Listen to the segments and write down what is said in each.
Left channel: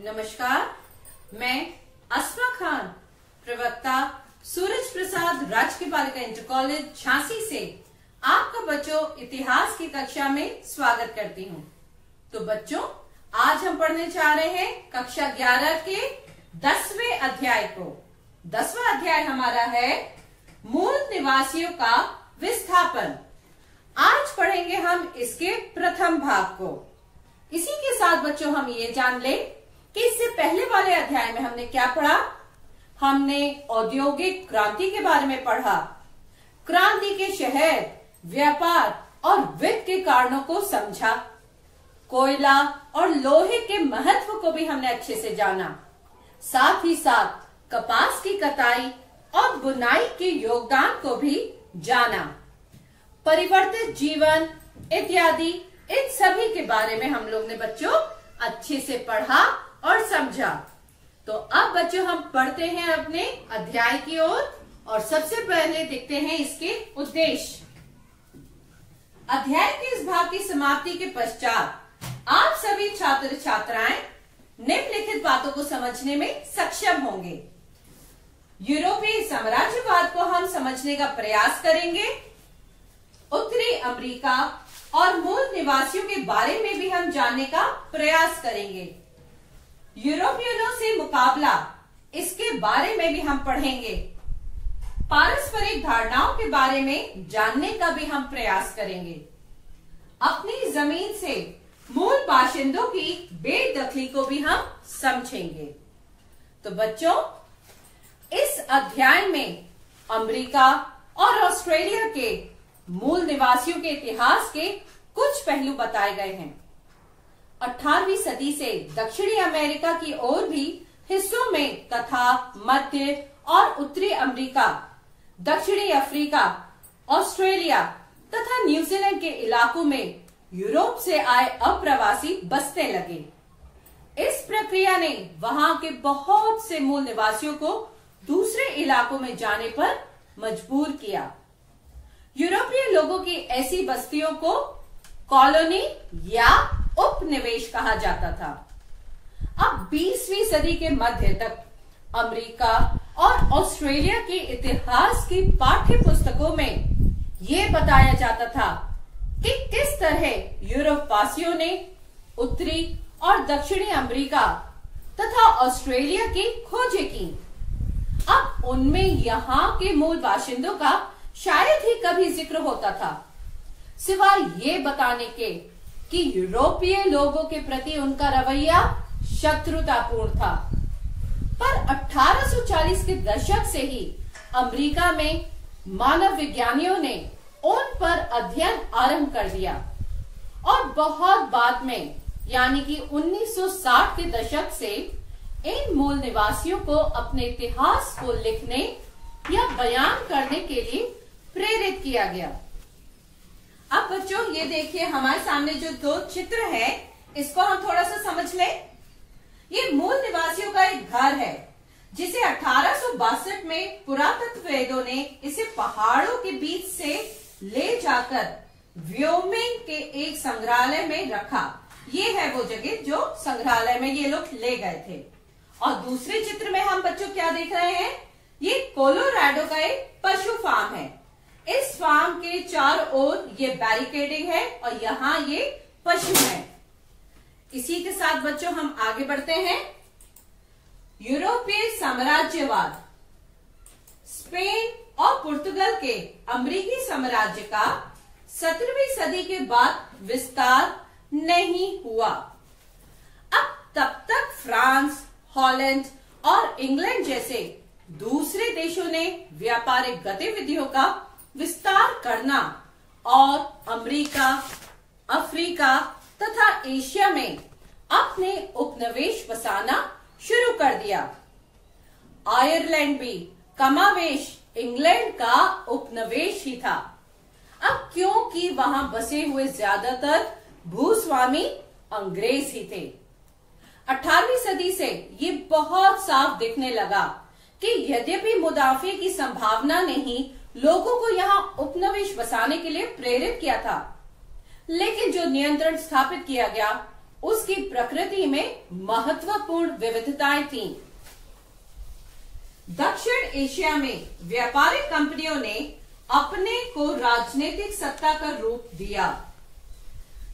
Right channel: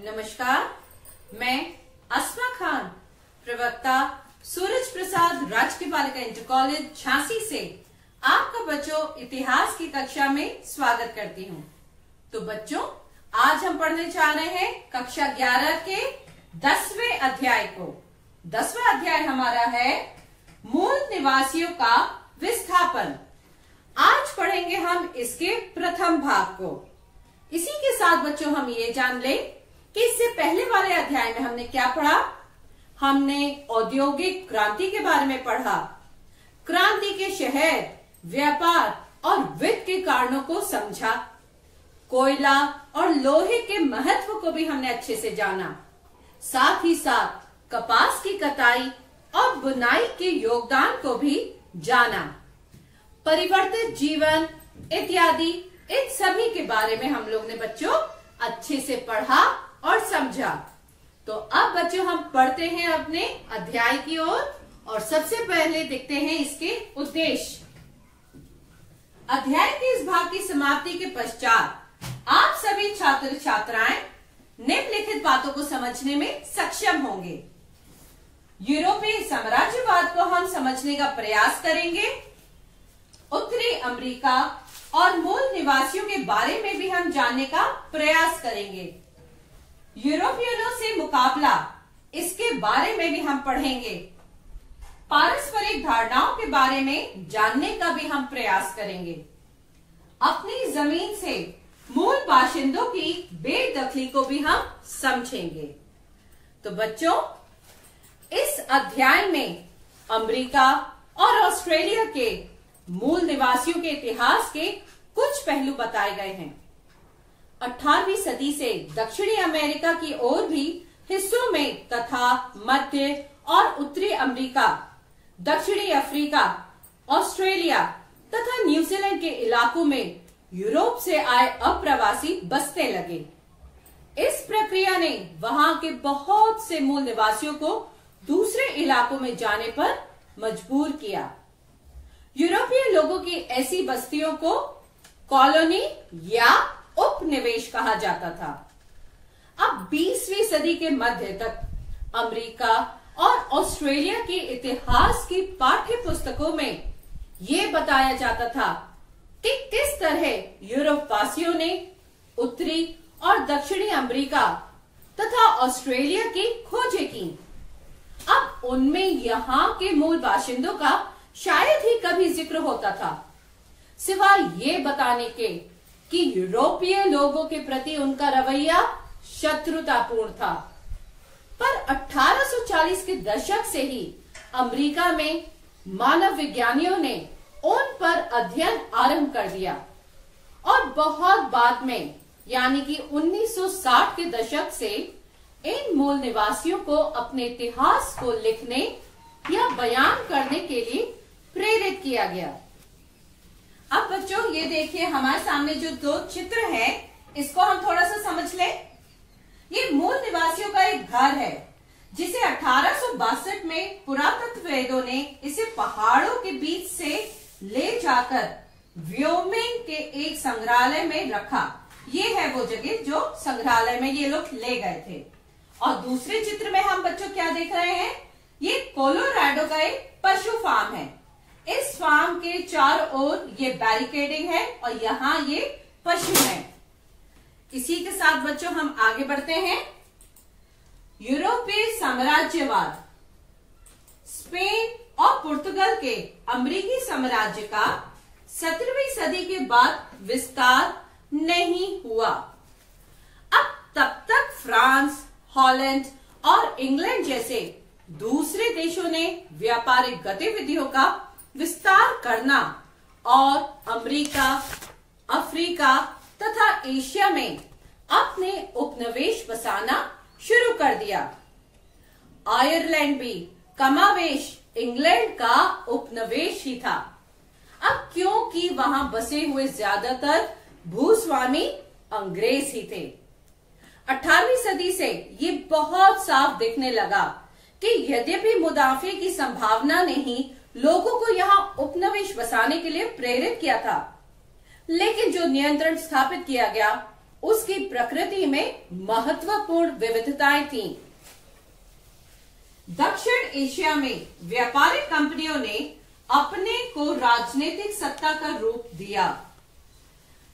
नमस्कार, मैं अस्मा खान, प्रवक्ता सूरज प्रसाद राजकीय बालिका इंटर कॉलेज झांसी से आपका बच्चों इतिहास की कक्षा में स्वागत करती हूँ। तो बच्चों, आज हम पढ़ने जा रहे हैं कक्षा 11 के 10वें अध्याय को। 10वां अध्याय हमारा है मूल निवासियों का विस्थापन। आज पढ़ेंगे हम इसके प्रथम भाग को। इसी के साथ बच्चों हम ये जान लें कि इससे पहले वाले अध्याय में हमने क्या पढ़ा। हमने औद्योगिक क्रांति के बारे में पढ़ा, क्रांति के शहर, व्यापार और वित्त के कारणों को समझा, कोयला और लोहे के महत्व को भी हमने अच्छे से जाना, साथ ही साथ कपास की कटाई और बुनाई के योगदान को भी जाना, परिवर्तित जीवन इत्यादि इन सभी के बारे में हम लोग ने बच्चों अच्छे से पढ़ा और समझा। तो अब बच्चों हम पढ़ते हैं अपने अध्याय की ओर और सबसे पहले देखते हैं इसके उद्देश्य। अध्याय के इस भाग की समाप्ति के पश्चात आप सभी छात्र छात्राएं निम्नलिखित बातों को समझने में सक्षम होंगे। यूरोपीय साम्राज्यवाद को हम समझने का प्रयास करेंगे। उत्तरी अमेरिका और मूल निवासियों के बारे में भी हम जानने का प्रयास करेंगे। यूरोपियनों से मुकाबला, इसके बारे में भी हम पढ़ेंगे। पारस्परिक धारणाओं के बारे में जानने का भी हम प्रयास करेंगे। अपनी जमीन से मूल बाशिंदों की बेदखली को भी हम समझेंगे। तो बच्चों, इस अध्याय में अमेरिका और ऑस्ट्रेलिया के मूल निवासियों के इतिहास के कुछ पहलू बताए गए हैं। 18वीं सदी से दक्षिणी अमेरिका की और भी हिस्सों में तथा मध्य और उत्तरी अमेरिका, दक्षिणी अफ्रीका, ऑस्ट्रेलिया तथा न्यूजीलैंड के इलाकों में यूरोप से आए अप्रवासी बसने लगे। इस प्रक्रिया ने वहां के बहुत से मूल निवासियों को दूसरे इलाकों में जाने पर मजबूर किया। यूरोपीय लोगों की ऐसी बस्तियों को कॉलोनी या उपनिवेश कहा जाता था। अब 20वीं सदी के मध्य तक अमेरिका और ऑस्ट्रेलिया के इतिहास की पाठ्य पुस्तकों में ये बताया जाता था कि किस तरह यूरोप वासियों ने उत्तरी और दक्षिणी अमेरिका तथा ऑस्ट्रेलिया की खोजें की। अब उनमें यहाँ के मूल बाशिंदों का शायद ही कभी जिक्र होता था, सिवाय ये बताने के कि यूरोपीय लोगों के प्रति उनका रवैया शत्रुतापूर्ण था। पर 1840 के दशक से ही अमेरिका में मानव विज्ञानियों ने उन पर अध्ययन आरंभ कर दिया और बहुत बाद में यानी कि 1960 के दशक से इन मूल निवासियों को अपने इतिहास को लिखने या बयान करने के लिए प्रेरित किया गया। अब बच्चों ये देखिए, हमारे सामने जो दो चित्र है इसको हम थोड़ा सा समझ लें। ये मूल निवासियों का एक घर है जिसे 1862 में पुरातत्ववेदों ने इसे पहाड़ों के बीच से ले जाकर व्योमिंग के एक संग्रहालय में रखा। ये है वो जगह जो संग्रहालय में ये लोग ले गए थे। और दूसरे चित्र में हम बच्चों क्या देख रहे हैं, ये कोलोराडो का एक पशु फार्म है। इस फार्म के चारों ओर ये बैरिकेडिंग है और यहाँ ये पशु है। इसी के साथ बच्चों हम आगे बढ़ते हैं। यूरोपीय साम्राज्यवाद, स्पेन और पुर्तगाल के अमेरिकी साम्राज्य का 17वीं सदी के बाद विस्तार नहीं हुआ। अब तब तक फ्रांस, हॉलैंड और इंग्लैंड जैसे दूसरे देशों ने व्यापारिक गतिविधियों का विस्तार करना और अमेरिका, अफ्रीका तथा एशिया में अपने उपनिवेश बसाना शुरू कर दिया। आयरलैंड भी कमावेश इंग्लैंड का उपनिवेश ही था। अब क्योंकि वहां बसे हुए ज्यादातर भूस्वामी अंग्रेज ही थे। 18वीं सदी से ये बहुत साफ दिखने लगा कि यद्यपि मुनाफे की संभावना ने ही लोगों को यहाँ उपनिवेश बसाने के लिए प्रेरित किया था, लेकिन जो नियंत्रण स्थापित किया गया उसकी प्रकृति में महत्वपूर्ण विविधताएं थीं। दक्षिण एशिया में व्यापारिक कंपनियों ने अपने को राजनीतिक सत्ता का रूप दिया,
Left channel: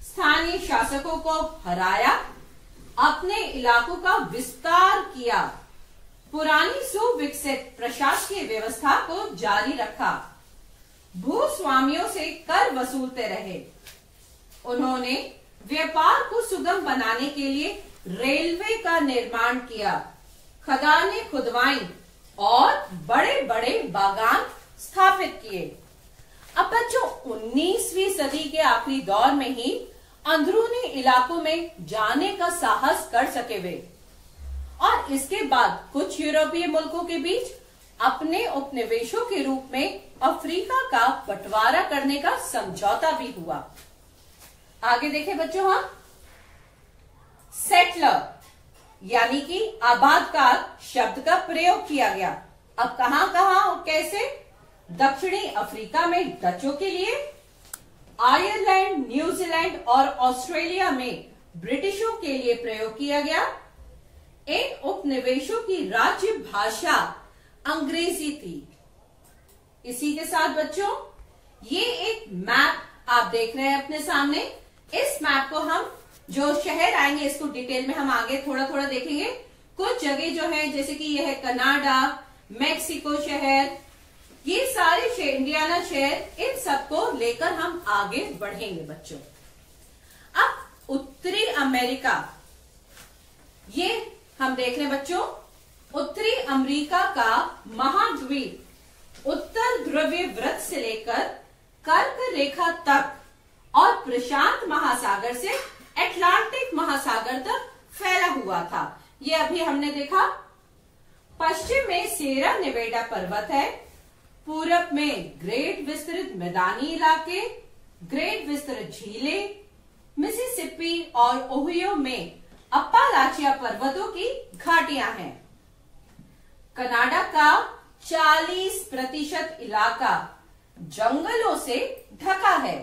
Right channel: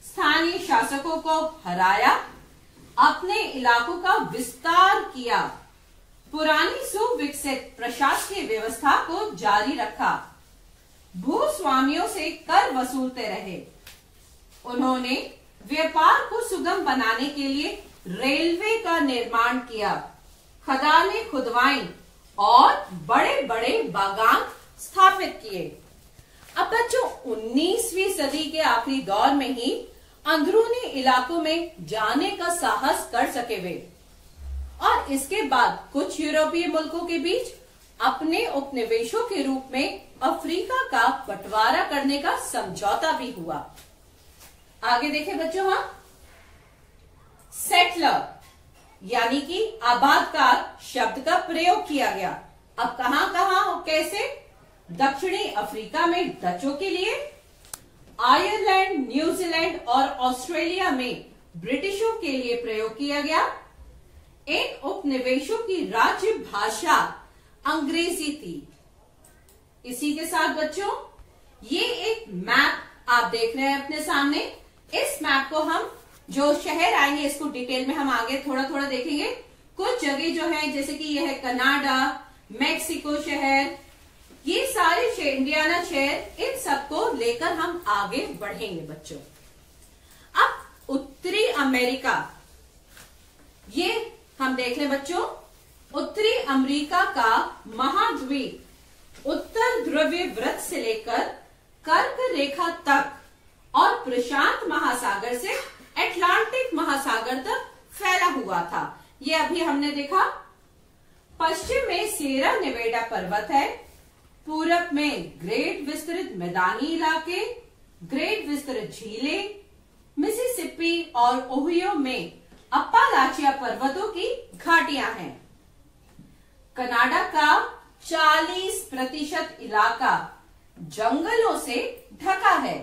स्थानीय शासकों को हराया, अपने इलाकों का विस्तार किया, पुरानी सुविकसित प्रशासकीय व्यवस्था को जारी रखा, भूस्वामियों से कर वसूलते रहे। उन्होंने व्यापार को सुगम बनाने के लिए रेलवे का निर्माण किया, खदानें खुदवाई और बड़े बड़े बागान स्थापित किए। अब बच्चों 19वीं सदी के आखिरी दौर में ही अंदरूनी इलाकों में जाने का साहस कर सके वे, और इसके बाद कुछ यूरोपीय मुल्कों के बीच अपने उपनिवेशों के रूप में अफ्रीका का बंटवारा करने का समझौता भी हुआ। आगे देखें बच्चों, हम सेटलर यानी कि आबादकार शब्द का प्रयोग किया गया। अब कहां कहां और कैसे? दक्षिणी अफ्रीका में डचों के लिए, आयरलैंड, न्यूजीलैंड और ऑस्ट्रेलिया में ब्रिटिशों के लिए प्रयोग किया गया। इन उपनिवेशों की राज्य भाषा अंग्रेजी थी। इसी के साथ बच्चों ये एक मैप आप देख रहे हैं अपने सामने। इस मैप को हम जो शहर आएंगे इसको डिटेल में हम आगे थोड़ा थोड़ा देखेंगे। कुछ जगह जो है जैसे कि यह है कनाडा, मैक्सिको शहर, ये सारे इंडियाना शहर, इन सबको लेकर हम आगे बढ़ेंगे बच्चों। अब उत्तरी अमेरिका, ये हम देख रहे हैं बच्चों। उत्तरी अमेरिका का महाद्वीप उत्तर ध्रुवीय वृत्त से लेकर कर्क रेखा तक और प्रशांत महासागर से अटलांटिक महासागर तक फैला हुआ था। ये अभी हमने देखा। पश्चिम में सेरा नेवेडा पर्वत है, पूरब में ग्रेट विस्तृत मैदानी इलाके, ग्रेट विस्तृत झीलें, मिसिसिपी और ओहियो में अप्पालाचिया पर्वतों की घाटियां हैं। कनाडा का 40% इलाका जंगलों से ढका है।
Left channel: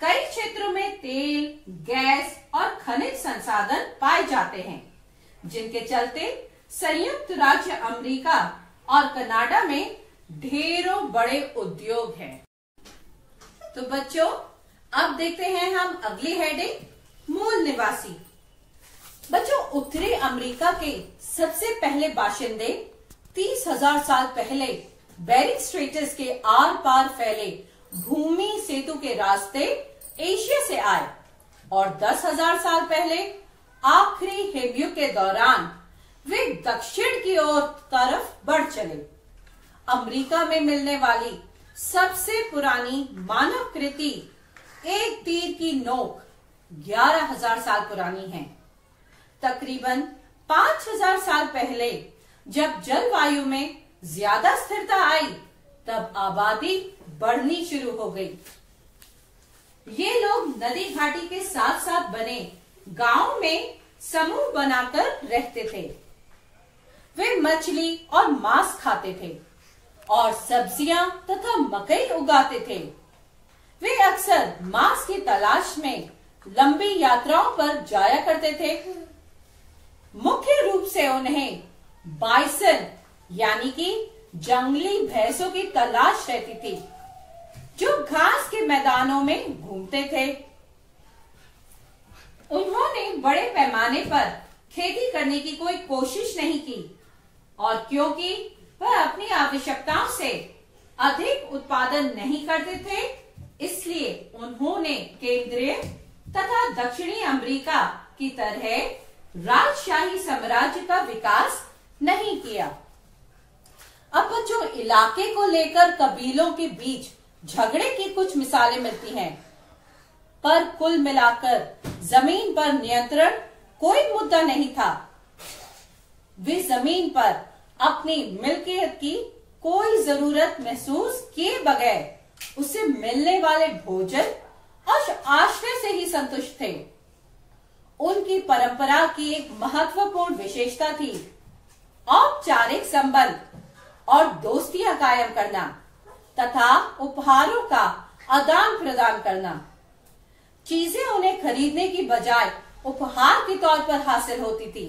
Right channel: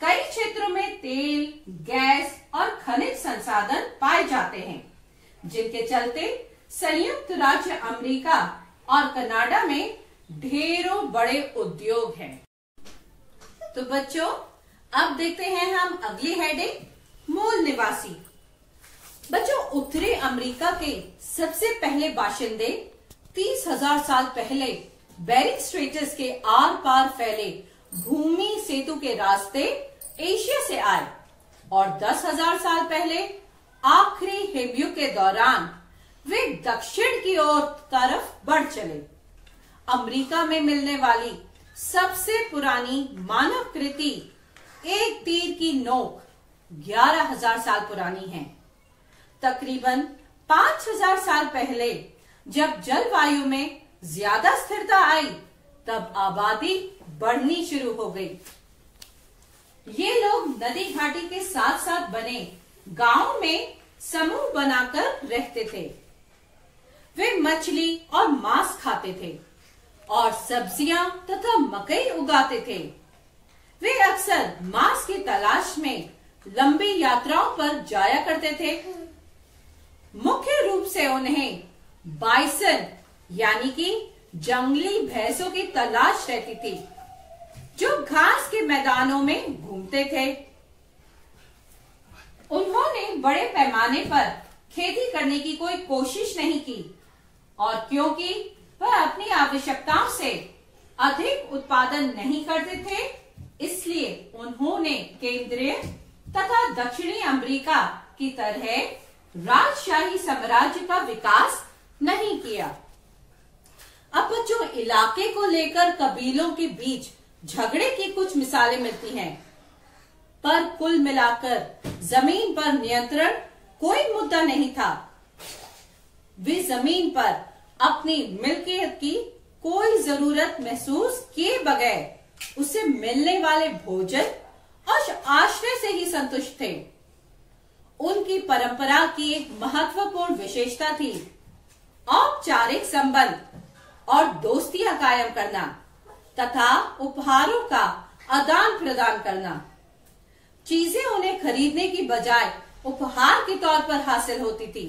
कई क्षेत्रों में तेल, गैस और खनिज संसाधन पाए जाते हैं, जिनके चलते संयुक्त राज्य अमेरिका और कनाडा में ढेरों बड़े उद्योग हैं। तो बच्चों अब देखते हैं हम अगली हेडिंग, मूल निवासी। बच्चों उत्तरी अमेरिका के सबसे पहले बाशिंदे 30,000 साल पहले बेरिंग स्ट्रेट्स के आर पार फैले भूमि सेतु के रास्ते एशिया से आए और 10,000 साल पहले आखिरी हिमयुग के दौरान वे दक्षिण की ओर तरफ बढ़ चले। अमेरिका में मिलने वाली सबसे पुरानी मानव कृति एक तीर की नोक 11,000 साल पुरानी है। तकरीबन 5,000 साल पहले जब जलवायु में ज्यादा स्थिरता आई तब आबादी बढ़नी शुरू हो गई। ये लोग नदी घाटी के साथ साथ बने गांव में समूह बनाकर रहते थे। वे मछली और मांस खाते थे और सब्जियां तथा मकई उगाते थे। वे अक्सर मांस की तलाश में लंबी यात्राओं पर जाया करते थे। मुख्य रूप से उन्हें बाइसन यानी कि जंगली भैंसों की तलाश रहती थी, जो घास के मैदानों में घूमते थे। उन्होंने बड़े पैमाने पर खेती करने की कोई कोशिश नहीं की और क्योंकि वह अपनी आवश्यकताओं से अधिक उत्पादन नहीं करते थे, इसलिए उन्होंने केंद्रीय तथा दक्षिणी अमेरिका की तरह राजशाही साम्राज्य का विकास नहीं किया। अब बच्चों इलाके को लेकर कबीलों के बीच झगड़े की कुछ मिसालें मिलती हैं, पर कुल मिलाकर जमीन पर नियंत्रण कोई मुद्दा नहीं था। वे जमीन पर अपनी मिल्कियत की कोई जरूरत महसूस किए बगैर उसे मिलने वाले भोजन और आश्रय से ही संतुष्ट थे। उनकी परंपरा की एक महत्वपूर्ण विशेषता थी औपचारिक संबंध और दोस्तियां कायम करना तथा उपहारों का आदान प्रदान करना। चीजें उन्हें खरीदने की बजाय उपहार के तौर पर हासिल होती थी।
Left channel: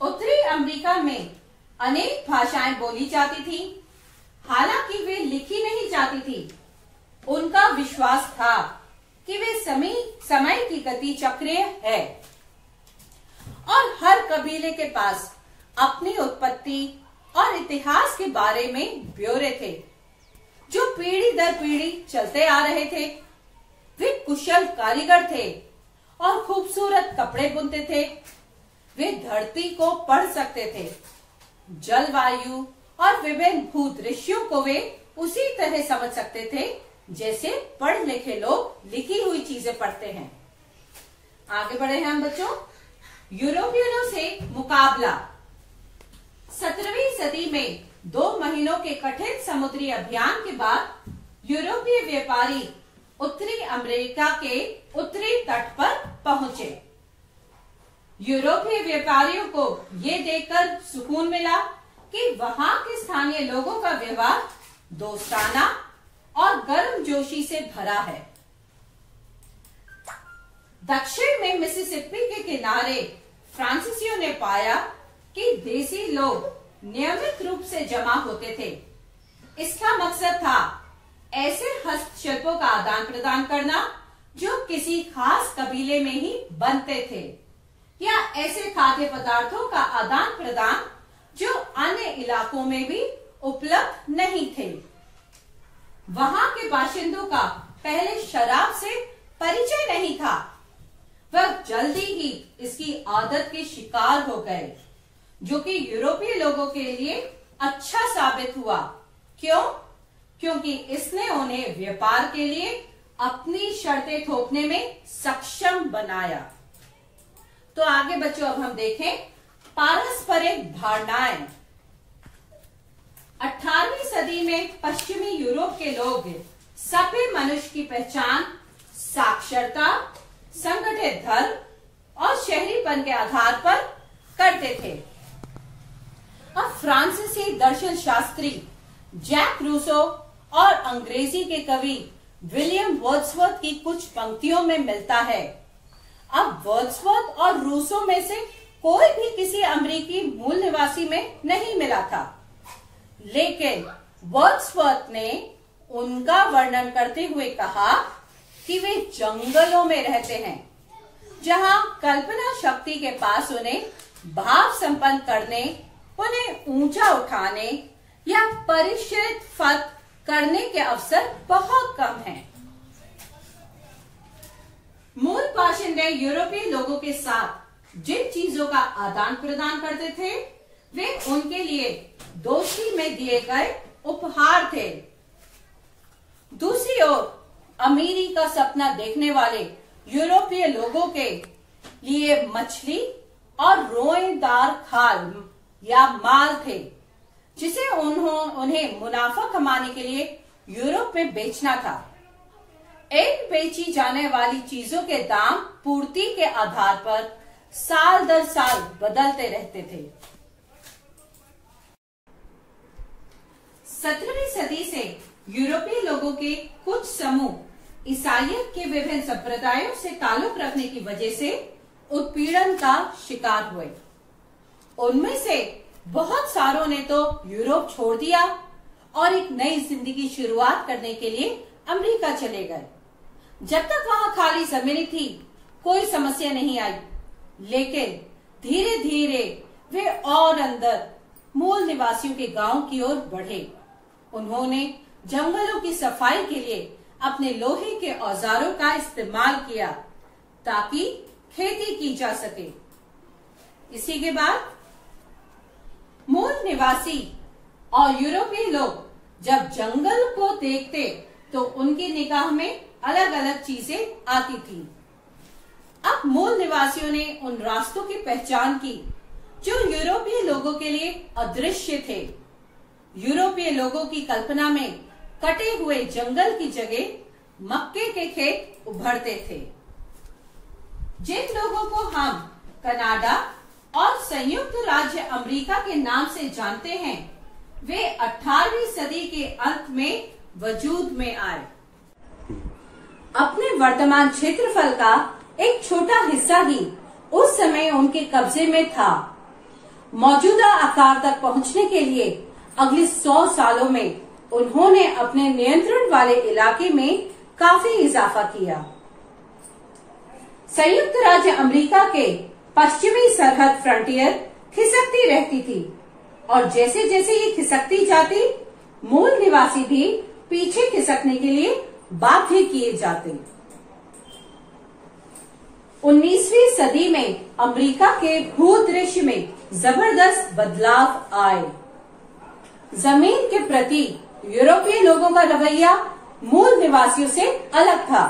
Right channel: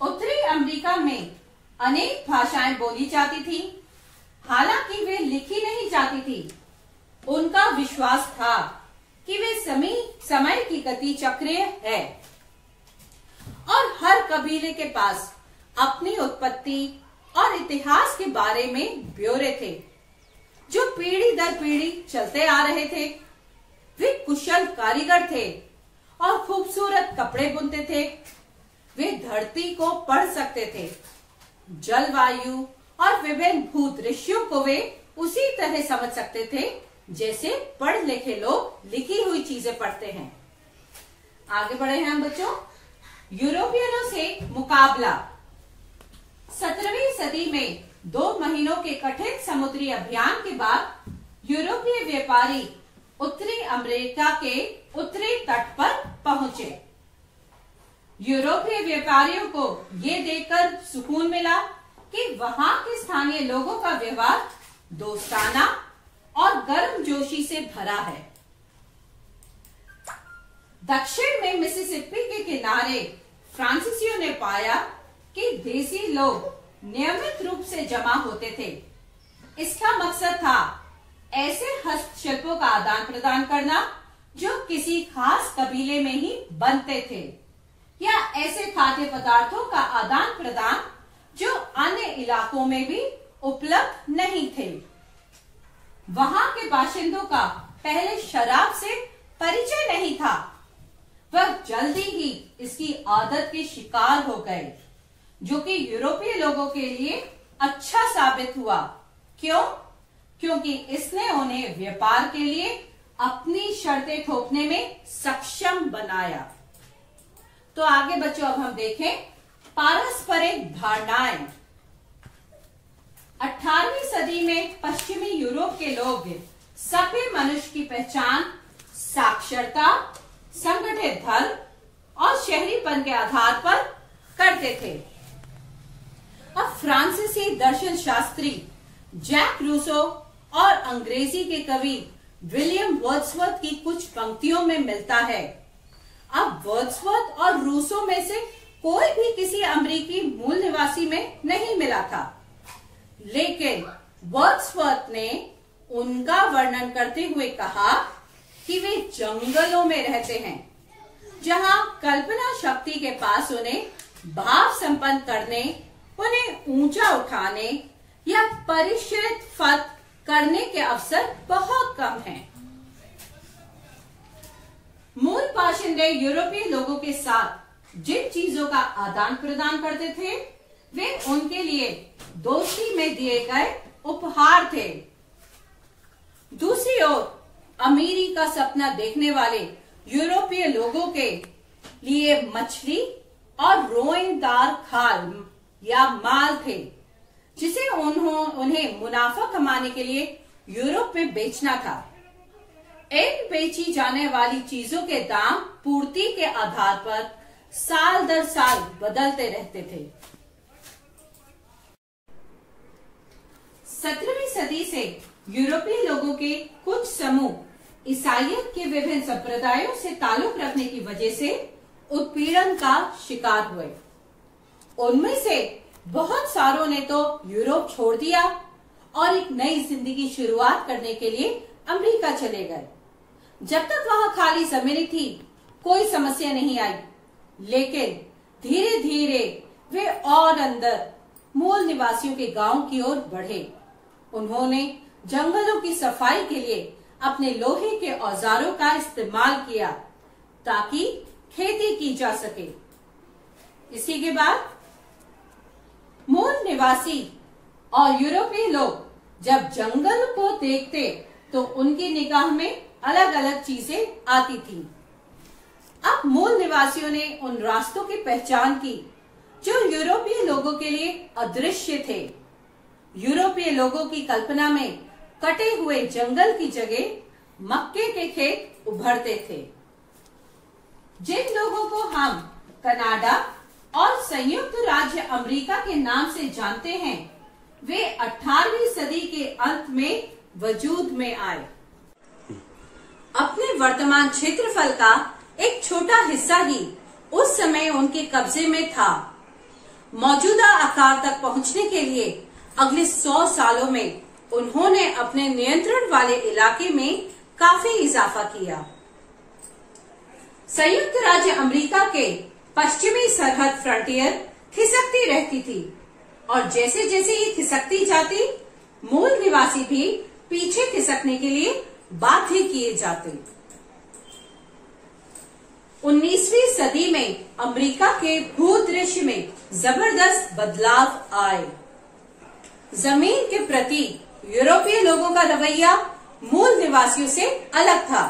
उत्तरी अमेरिका में अनेक भाषाएं बोली जाती थी। हालांकि वे लिखी नहीं जाती थी। उनका विश्वास था कि वे समय की गति चक्रीय है और हर कबीले के पास अपनी उत्पत्ति और इतिहास के बारे में ब्यौरे थे जो पीढ़ी दर पीढ़ी चलते आ रहे थे। वे कुशल कारीगर थे और खूबसूरत कपड़े बुनते थे। वे धरती को पढ़ सकते थे। जलवायु और विभिन्न भूदृश्यों को वे उसी तरह समझ सकते थे जैसे पढ़ लिखे लोग लिखी हुई चीजें पढ़ते हैं। आगे बढ़े हैं हम बच्चों। यूरोपियनों से मुकाबला। 17वीं सदी में 2 महीनों के कठिन समुद्री अभियान के बाद यूरोपीय व्यापारी उत्तरी अमेरिका के उत्तरी तट पर पहुंचे। यूरोपीय व्यापारियों को ये देखकर सुकून मिला कि वहां के स्थानीय लोगों का व्यवहार दोस्ताना और गर्मजोशी से भरा है। दक्षिण में मिसिसिपी के किनारे फ्रांसीसियों ने पाया कि देसी लोग नियमित रूप से जमा होते थे। इसका मकसद था ऐसे हस्तशिल्पों का आदान प्रदान करना जो किसी खास कबीले में ही बनते थे, या ऐसे खाद्य पदार्थों का आदान प्रदान जो अन्य इलाकों में भी उपलब्ध नहीं थे। वहां के बाशिंदों का पहले शराब से परिचय नहीं था। वह जल्दी ही इसकी आदत के शिकार हो गए, जो कि यूरोपीय लोगों के लिए अच्छा साबित हुआ। क्यों? क्योंकि इसने उन्हें व्यापार के लिए अपनी शर्तें थोपने में सक्षम बनाया। तो आगे बच्चों अब हम देखें पारस्परिक धारणाएं। 18वीं सदी में पश्चिमी यूरोप के लोग सभ्य मनुष्य की पहचान साक्षरता, संगठित धर्म और शहरीपन के आधार पर करते थे। अब फ्रांसीसी दर्शन शास्त्री जैक रूसो और अंग्रेजी के कवि विलियम वर्ड्सवर्थ की कुछ पंक्तियों में मिलता है। अब वर्ड्सवर्थ और रूसो में से कोई भी किसी अमेरिकी मूल निवासी में नहीं मिला था, लेकिन वर्ड्सवर्थ ने उनका वर्णन करते हुए कहा कि वे जंगलों में रहते हैं, जहां कल्पना शक्ति के पास उन्हें भाव संपन्न करने, उन्हें ऊंचा उठाने या परिष्कृत फत करने के अवसर बहुत कम हैं। मूल बाशिंदे यूरोपीय लोगों के साथ जिन चीजों का आदान प्रदान करते थे, वे उनके लिए दोस्ती में दिए गए उपहार थे। दूसरी ओर अमीरी का सपना देखने वाले यूरोपीय लोगों के लिए मछली और रोएदार खाल या माल थे, जिसे उन्हें मुनाफा कमाने के लिए यूरोप में बेचना था। इन बेची जाने वाली चीजों के दाम पूर्ति के आधार पर साल दर साल बदलते रहते थे। 17वीं सदी से यूरोपीय लोगों के कुछ समूह ईसाइयत के विभिन्न संप्रदायों से ताल्लुक रखने की वजह से उत्पीड़न का शिकार हुए। उनमें से बहुत सारों ने तो यूरोप छोड़ दिया और एक नई जिंदगी शुरुआत करने के लिए अमेरिका चले गए। जब तक वहां खाली जमीन थी, कोई समस्या नहीं आई, लेकिन धीरे धीरे वे और अंदर मूल निवासियों के गांव की ओर बढ़े। उन्होंने जंगलों की सफाई के लिए अपने लोहे के औजारों का इस्तेमाल किया ताकि खेती की जा सके। इसी के बाद मूल निवासी और यूरोपीय लोग जब जंगल को देखते तो उनकी निगाह में अलग अलग चीजें आती थी। अब मूल निवासियों ने उन रास्तों की पहचान की जो यूरोपीय लोगों के लिए अदृश्य थे। यूरोपीय लोगों की कल्पना में कटे हुए जंगल की जगह मक्के के खेत उभरते थे। जिन लोगों को हम कनाडा और संयुक्त राज्य अमेरिका के नाम से जानते हैं, वे 18वीं सदी के अंत में वजूद में आए। अपने वर्तमान क्षेत्रफल का एक छोटा हिस्सा ही उस समय उनके कब्जे में था। मौजूदा आकार तक पहुंचने के लिए अगले 100 सालों में उन्होंने अपने नियंत्रण वाले इलाके में काफी इजाफा किया। संयुक्त राज्य अमेरिका के पश्चिमी सरहद फ्रंटियर खिसकती रहती थी और जैसे जैसे ये खिसकती जाती, मूल निवासी भी पीछे खिसकने के लिए बाध्य किए जाते। 19वीं सदी में अमेरिका के भूदृश्य में जबरदस्त बदलाव आए। जमीन के प्रति यूरोपीय लोगों का रवैया मूल निवासियों से अलग था।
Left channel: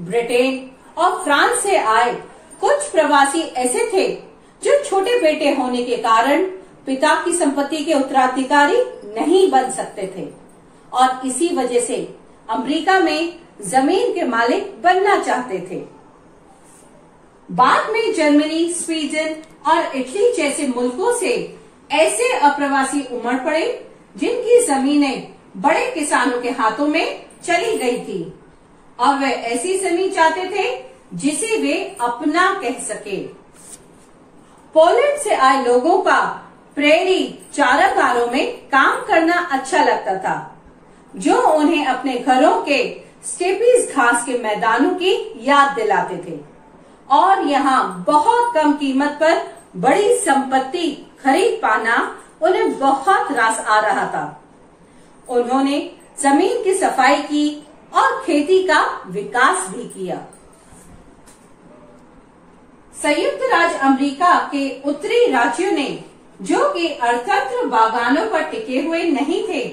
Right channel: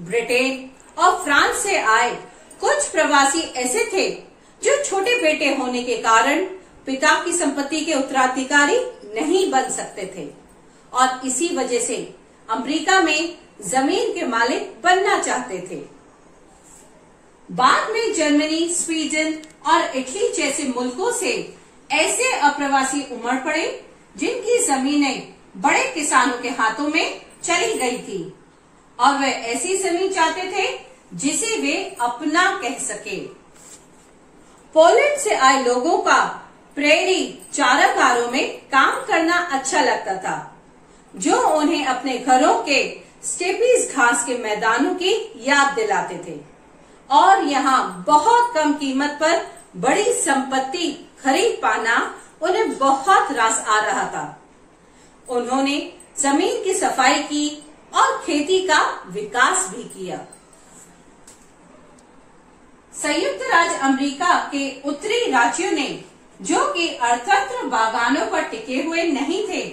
ब्रिटेन और फ्रांस से आए कुछ प्रवासी ऐसे थे जो छोटे बेटे होने के कारण पिता की संपत्ति के उत्तराधिकारी नहीं बन सकते थे और इसी वजह से अमेरिका में जमीन के मालिक बनना चाहते थे। बाद में जर्मनी, स्वीडन और इटली जैसे मुल्कों से ऐसे अप्रवासी उमड़ पड़े जिनकी जमीनें बड़े किसानों के हाथों में चली गई थी और वे ऐसी जमीन चाहते थे जिसे वे अपना कह सके। पोलैंड से आए लोगों का प्रेरी चारागारों में काम करना अच्छा लगता था, जो उन्हें अपने घरों के स्टेपीज घास के मैदानों की याद दिलाते थे और यहाँ बहुत कम कीमत पर बड़ी संपत्ति खरीद पाना उन्हें बहुत रास आ रहा था। उन्होंने जमीन की सफाई की और खेती का विकास भी किया। संयुक्त राज्य अमेरिका के उत्तरी राज्यों ने, जो कि अर्थतंत्र बागानों पर टिके हुए नहीं थे,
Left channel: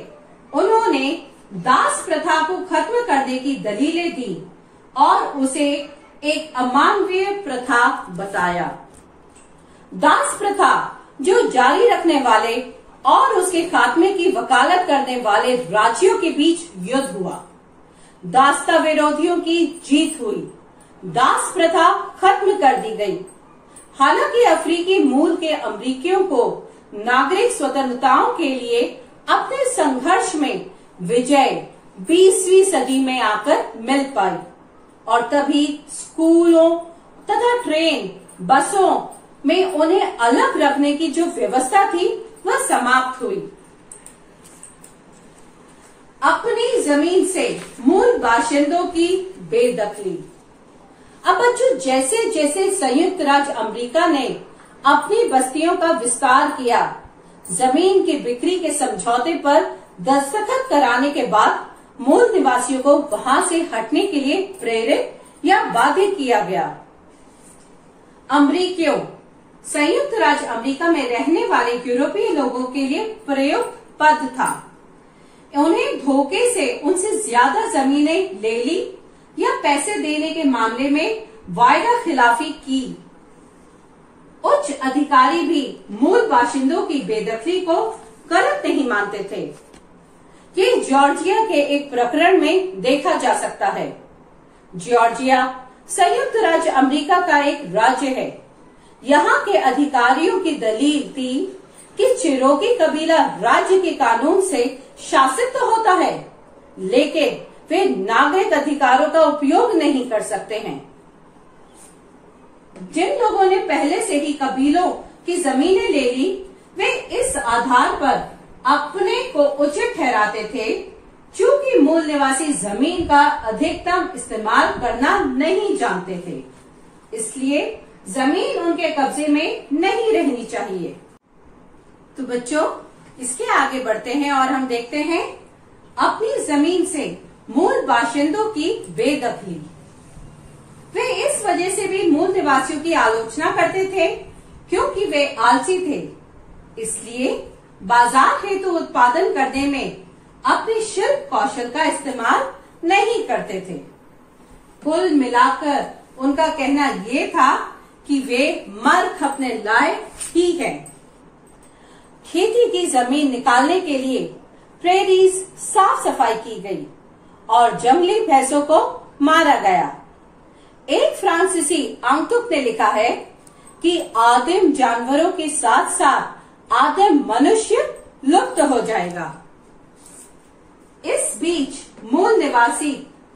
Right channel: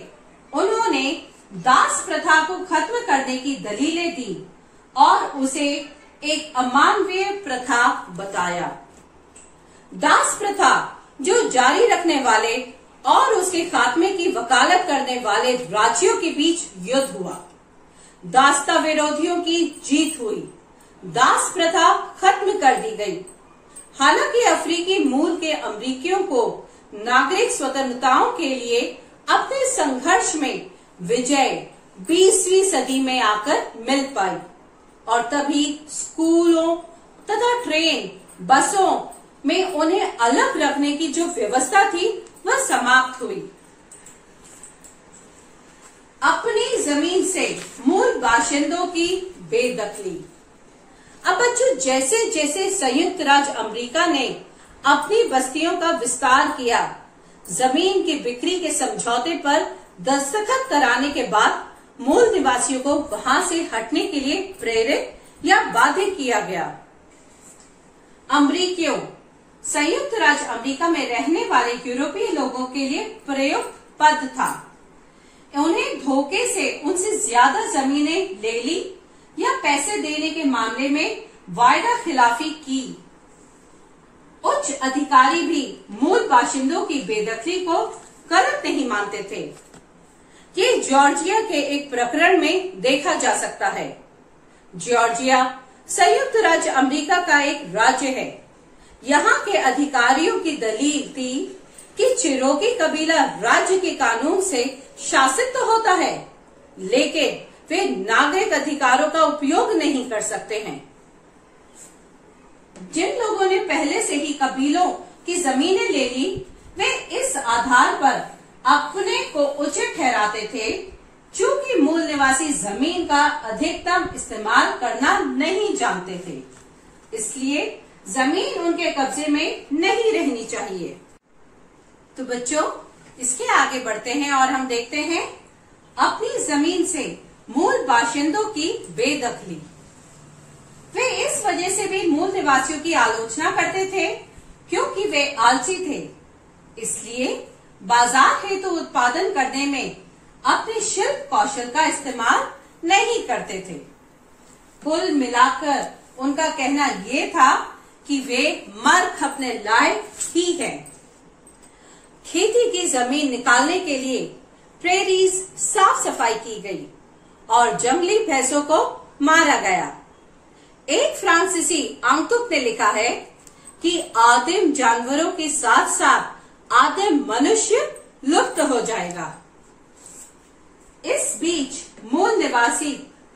उन्होंने दास प्रथा को खत्म करने की दलीलें दी और उसे एक अमानवीय प्रथा बताया। दास प्रथा जो जारी रखने वाले और उसके खात्मे की वकालत करने वाले राज्यों के बीच युद्ध हुआ। दासता विरोधियों की जीत हुई। दास प्रथा खत्म कर दी गई। हालांकि अफ्रीकी मूल के अमेरिकियों को नागरिक स्वतंत्रताओं के लिए अपने संघर्ष में विजय 20वीं सदी में आकर मिल पाई और तभी स्कूलों तथा ट्रेन, बसों में उन्हें अलग रखने की जो व्यवस्था थी वह समाप्त हुई। अपनी जमीन से मूल बाशिंदों की बेदखली। अब बच्चों, जैसे जैसे संयुक्त राज्य अमेरिका ने अपनी बस्तियों का विस्तार किया, जमीन की बिक्री के समझौते पर दस्तखत कराने के बाद मूल निवासियों को वहां से हटने के लिए प्रेरित या बाध्य किया गया। अमेरिकियों संयुक्त राज्य अमेरिका में रहने वाले यूरोपीय लोगों के लिए प्रयुक्त पद था। उन्हें धोखे से उनसे ज्यादा जमीनें ले ली या पैसे देने के मामले में वायदा खिलाफी की। उच्च अधिकारी भी मूल बाशिंदों की बेदखली को गलत नहीं मानते थे। ये जॉर्जिया के एक प्रकरण में देखा जा सकता है। जॉर्जिया संयुक्त राज्य अमेरिका का एक राज्य है। यहाँ के अधिकारियों की दलील थी कि चिरोकी कबीला राज्य के कानून से शासित तो होता है, लेकिन वे नागरिक अधिकारों का उपयोग नहीं कर सकते हैं। जिन लोगों ने पहले से ही कबीलों की जमीनें ले ली, वे इस आधार पर अपने को उचित ठहराते थे क्योंकि मूल निवासी जमीन का अधिकतम इस्तेमाल करना नहीं जानते थे, इसलिए जमीन उनके कब्जे में नहीं रहनी चाहिए। तो बच्चों, इसके आगे बढ़ते हैं और हम देखते हैं अपनी जमीन से मूल बाशिंदों की बेदखली। वे इस वजह से भी मूल निवासियों की आलोचना करते थे क्योंकि वे आलसी थे, इसलिए बाजार हेतु उत्पादन करने में अपने शिल्प कौशल का इस्तेमाल नहीं करते थे। कुल मिलाकर उनका कहना ये था कि वे मर खपने लायक ही हैं। खेती की जमीन निकालने के लिए प्रेरीज साफ सफाई की गई और जंगली भैंसों को मारा गया। एक फ्रांसीसी आंतुक ने लिखा है कि आदिम जानवरों के साथ साथ आदिम मनुष्य लुप्त हो जाएगा। इस बीच मूल निवासी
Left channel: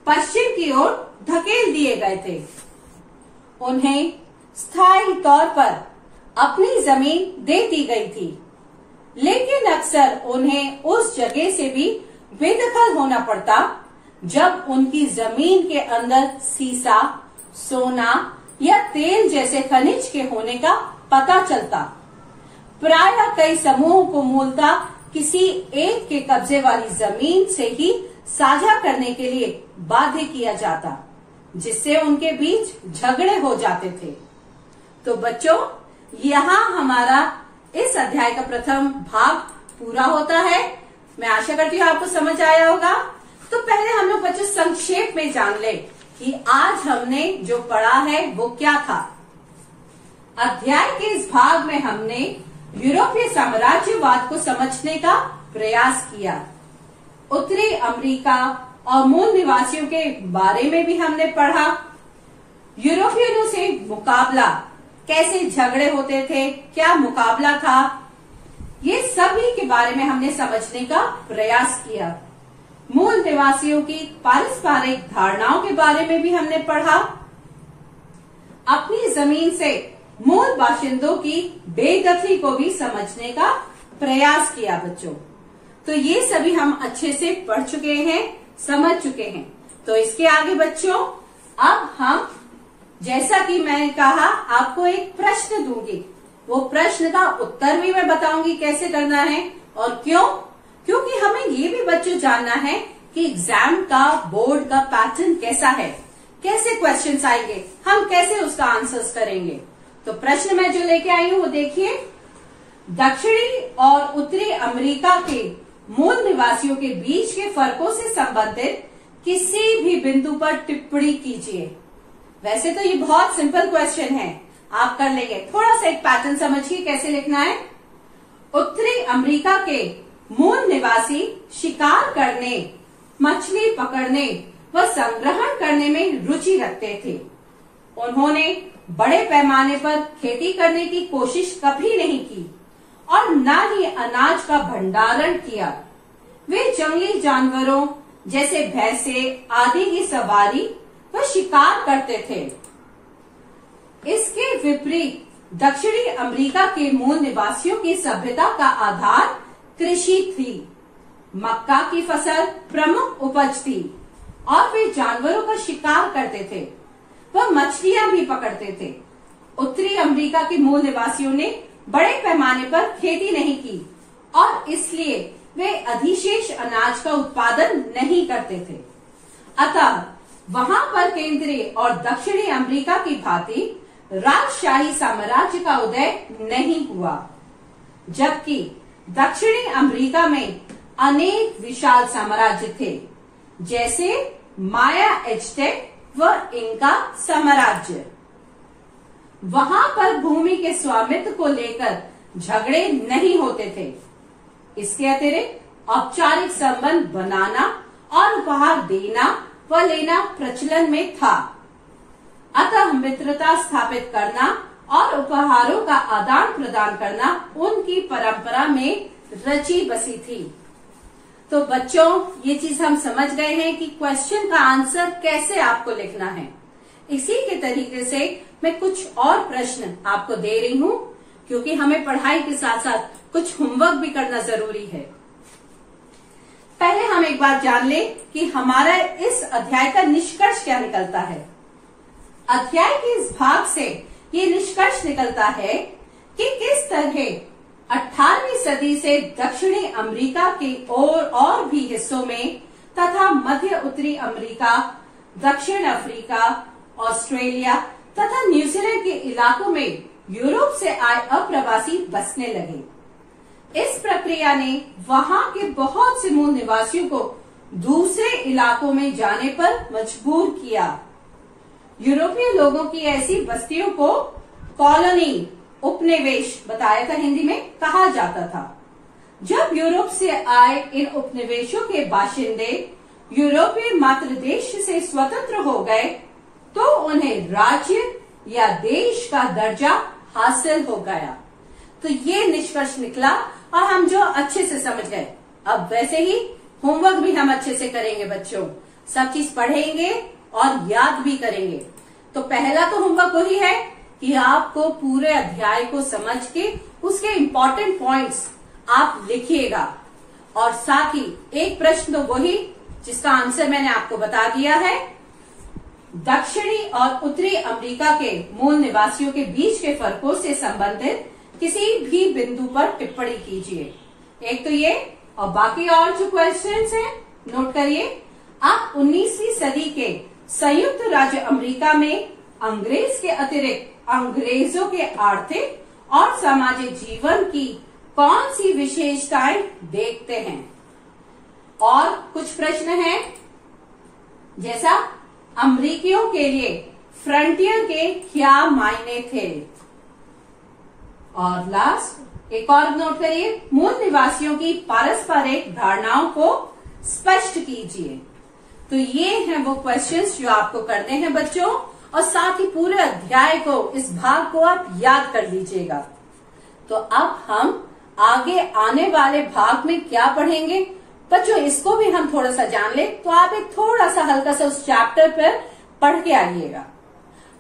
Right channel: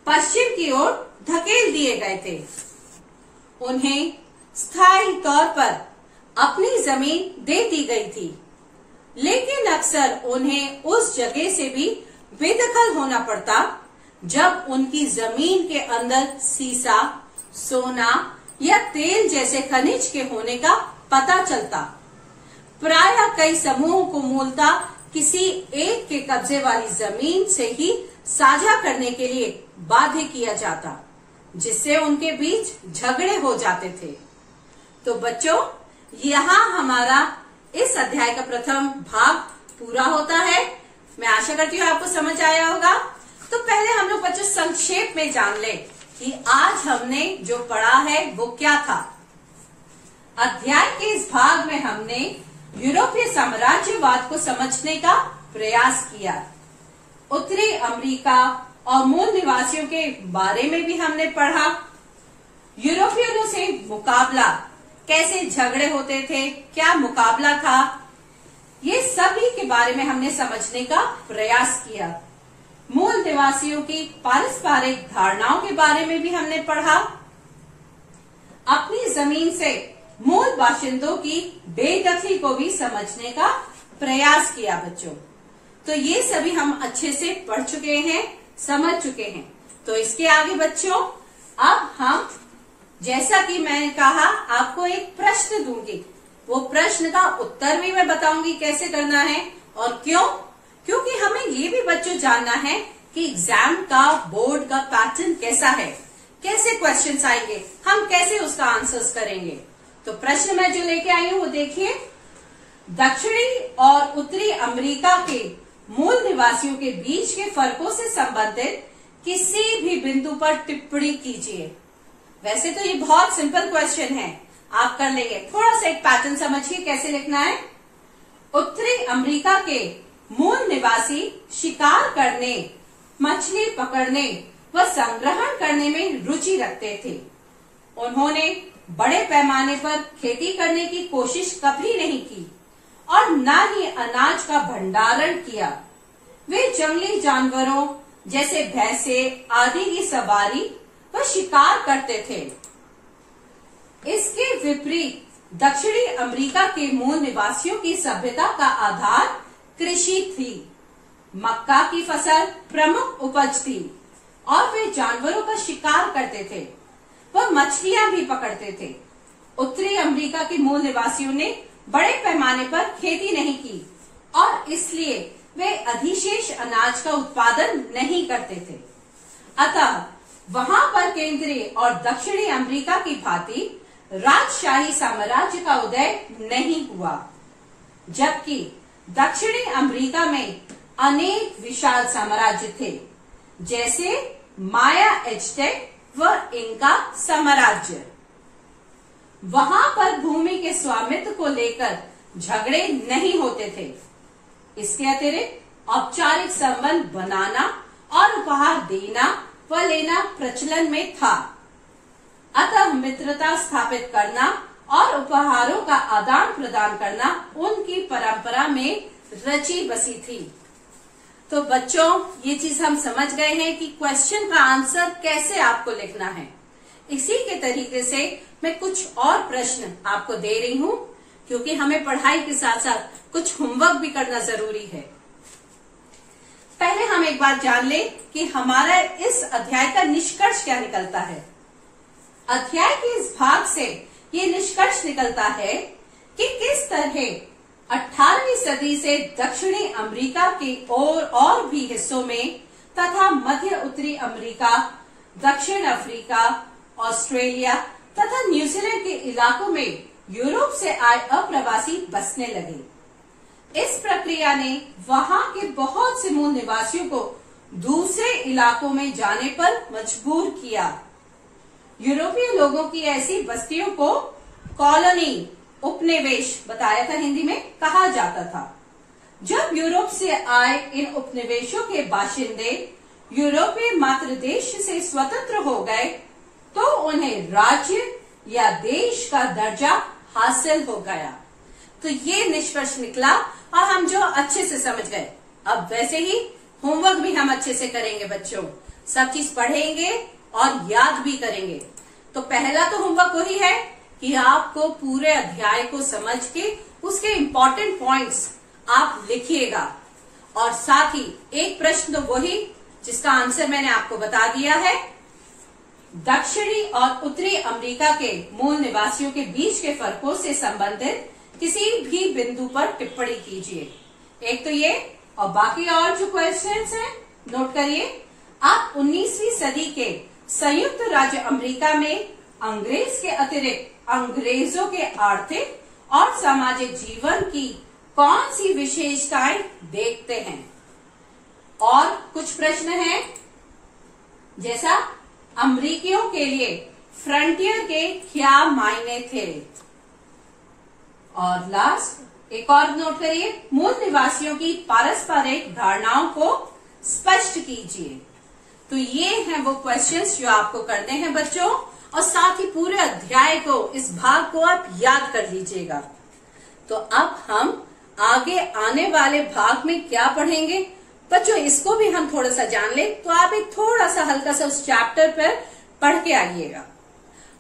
पश्चिम की ओर धकेल दिए गए थे। उन्हें स्थायी तौर पर अपनी जमीन दे दी गई थी, लेकिन अक्सर उन्हें उस जगह से भी बेदखल होना पड़ता जब उनकी जमीन के अंदर सीसा, सोना या तेल जैसे खनिज के होने का पता चलता। प्रायः कई समूहों को मूलतः किसी एक के कब्जे वाली जमीन से ही साझा करने के लिए बाध्य किया जाता, जिससे उनके बीच झगड़े हो जाते थे। तो बच्चों, यहाँ हमारा इस अध्याय का प्रथम भाग पूरा होता है। मैं आशा करती हूँ आपको समझ आया होगा। तो पहले हम लोग बच्चों संक्षेप में जान ले कि आज हमने जो पढ़ा है वो क्या था। अध्याय के इस भाग में हमने यूरोपीय साम्राज्यवाद को समझने का प्रयास किया। उत्तरी अमेरिका और मूल निवासियों के बारे में भी हमने पढ़ा। यूरोपियनों से मुकाबला, कैसे झगड़े होते थे, क्या मुकाबला था, ये सभी के बारे में हमने समझने का प्रयास किया। मूल निवासियों की पारस्परिक धारणाओं के बारे में भी हमने पढ़ा। अपनी जमीन से मूल बाशिंदों की बेदखली को भी समझने का प्रयास किया बच्चों। तो ये सभी हम अच्छे से पढ़ चुके हैं, समझ चुके हैं। तो इसके आगे बच्चों, अब हम, जैसा कि मैंने कहा, आपको एक प्रश्न दूंगी। वो प्रश्न का उत्तर भी मैं बताऊंगी कैसे करना है और क्यों, क्योंकि हमें ये भी बच्चों जानना है कि एग्जाम का, बोर्ड का पैटर्न कैसा है, कैसे क्वेश्चंस आएंगे, हम कैसे उसका आंसर्स करेंगे। तो प्रश्न मैं जो लेके आई हूँ वो देखिए। दक्षिणी और उत्तरी अमेरिका के मूल निवासियों के बीच के फर्कों से संबंधित किसी भी बिंदु पर टिप्पणी कीजिए। वैसे तो ये बहुत सिंपल क्वेश्चन है, आप कर लेंगे। थोड़ा सा एक पैटर्न समझिए कैसे लिखना है। उत्तरी अमेरिका के मूल निवासी शिकार करने, मछली पकड़ने व संग्रहण करने में रुचि रखते थे। उन्होंने बड़े पैमाने पर खेती करने की कोशिश कभी नहीं की और न ही अनाज का भंडारण किया। वे जंगली जानवरों जैसे भैंसे आदि की सवारी व शिकार करते थे। इसके विपरीत दक्षिणी अमेरिका के मूल निवासियों की सभ्यता का आधार कृषि थी। मक्का की फसल प्रमुख उपज थी और वे जानवरों पर शिकार करते थे, वह मछलियां भी पकड़ते थे। उत्तरी अमेरिका के मूल निवासियों ने बड़े पैमाने पर खेती नहीं की और इसलिए वे अधिशेष अनाज का उत्पादन नहीं करते थे। अतः वहां पर केंद्रीय और दक्षिणी अमेरिका की भांति राजशाही साम्राज्य का उदय नहीं हुआ, जबकि दक्षिणी अमेरिका में अनेक विशाल साम्राज्य थे, जैसे माया एज़टेक व इनका साम्राज्य। वहां पर भूमि के स्वामित्व को लेकर झगड़े नहीं होते थे। इसके अतिरिक्त औपचारिक संबंध बनाना और उपहार देना व लेना प्रचलन में था। अतः मित्रता स्थापित करना और उपहारों का आदान प्रदान करना उनकी परंपरा में रची बसी थी। तो बच्चों, ये चीज हम समझ गए हैं कि क्वेश्चन का आंसर कैसे आपको लिखना है। इसी के तरीके से मैं कुछ और प्रश्न आपको दे रही हूँ, क्योंकि हमें पढ़ाई के साथ साथ कुछ होमवर्क भी करना जरूरी है। पहले हम एक बार जान ले कि हमारा इस अध्याय का निष्कर्ष क्या निकलता है। अध्याय के इस भाग से ये निष्कर्ष निकलता है कि किस तरह 18वीं सदी से दक्षिणी अमेरिका के और भी हिस्सों में तथा मध्य उत्तरी अमेरिका, दक्षिण अफ्रीका, ऑस्ट्रेलिया तथा न्यूजीलैंड के इलाकों में यूरोप से आए अप्रवासी बसने लगे। इस प्रक्रिया ने वहां के बहुत से मूल निवासियों को दूसरे इलाकों में जाने पर मजबूर किया। यूरोपीय लोगों की ऐसी बस्तियों को कॉलोनी, उपनिवेश बताया था हिंदी में, कहा जाता था। जब यूरोप से आए इन उपनिवेशों के बाशिंदे यूरोपीय मातृदेश से स्वतंत्र हो गए तो उन्हें राज्य या देश का दर्जा हासिल हो गया। तो ये निष्कर्ष निकला और हम जो अच्छे से समझ गए। अब वैसे ही होमवर्क भी हम अच्छे से करेंगे बच्चों, सब चीज पढ़ेंगे और याद भी करेंगे। तो पहला तो होमवर्क वही है कि आपको पूरे अध्याय को समझ के उसके इंपॉर्टेंट पॉइंट्स आप लिखिएगा, और साथ ही एक प्रश्न तो वही जिसका आंसर मैंने आपको बता दिया है। दक्षिणी और उत्तरी अमेरिका के मूल निवासियों के बीच के फर्कों से संबंधित किसी भी बिंदु पर टिप्पणी कीजिए। एक तो ये, और बाकी और जो क्वेश्चंस हैं नोट करिए। आप 19वीं सदी के संयुक्त राज्य अमेरिका में अंग्रेज के अतिरिक्त अंग्रेजों के आर्थिक और सामाजिक जीवन की कौन सी विशेषताएं देखते हैं। और कुछ प्रश्न हैं, जैसा अमरीकियों के लिए फ्रंटियर के क्या मायने थे। और लास्ट एक और नोट करिए, मूल निवासियों की पारस्परिक धारणाओं को स्पष्ट कीजिए। तो ये हैं वो क्वेश्चंस जो आपको करने हैं बच्चों, और साथ ही पूरे अध्याय को, इस भाग को आप याद कर लीजिएगा। तो अब हम आगे आने वाले भाग में क्या पढ़ेंगे बच्चों, इसको भी हम थोड़ा सा जान ले, तो आप एक थोड़ा सा हल्का सा उस चैप्टर पर पढ़ के आइएगा।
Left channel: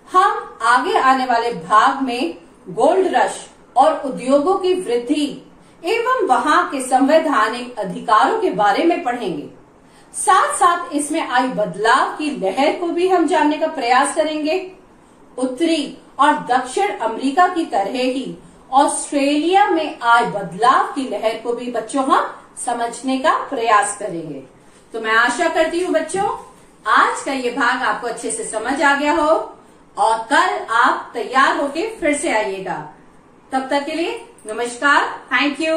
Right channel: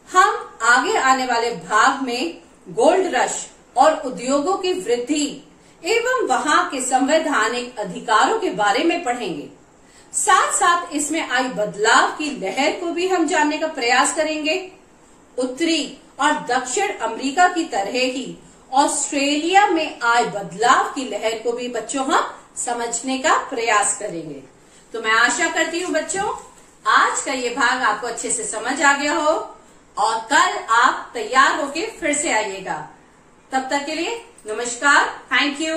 हम आगे आने वाले भाग में गोल्ड रश और उद्योगों की वृद्धि एवं वहां के संवैधानिक अधिकारों के बारे में पढ़ेंगे। साथ साथ इसमें आई बदलाव की लहर को भी हम जानने का प्रयास करेंगे। उत्तरी और दक्षिण अमेरिका की तरह ही ऑस्ट्रेलिया में आए बदलाव की लहर को भी बच्चों हम समझने का प्रयास करेंगे। तो मैं आशा करती हूँ बच्चों आज का ये भाग आपको अच्छे से समझ आ गया हो, और कल आप तैयार होके फिर से आइएगा। तब तक के लिए नमस्कार, थैंक यू।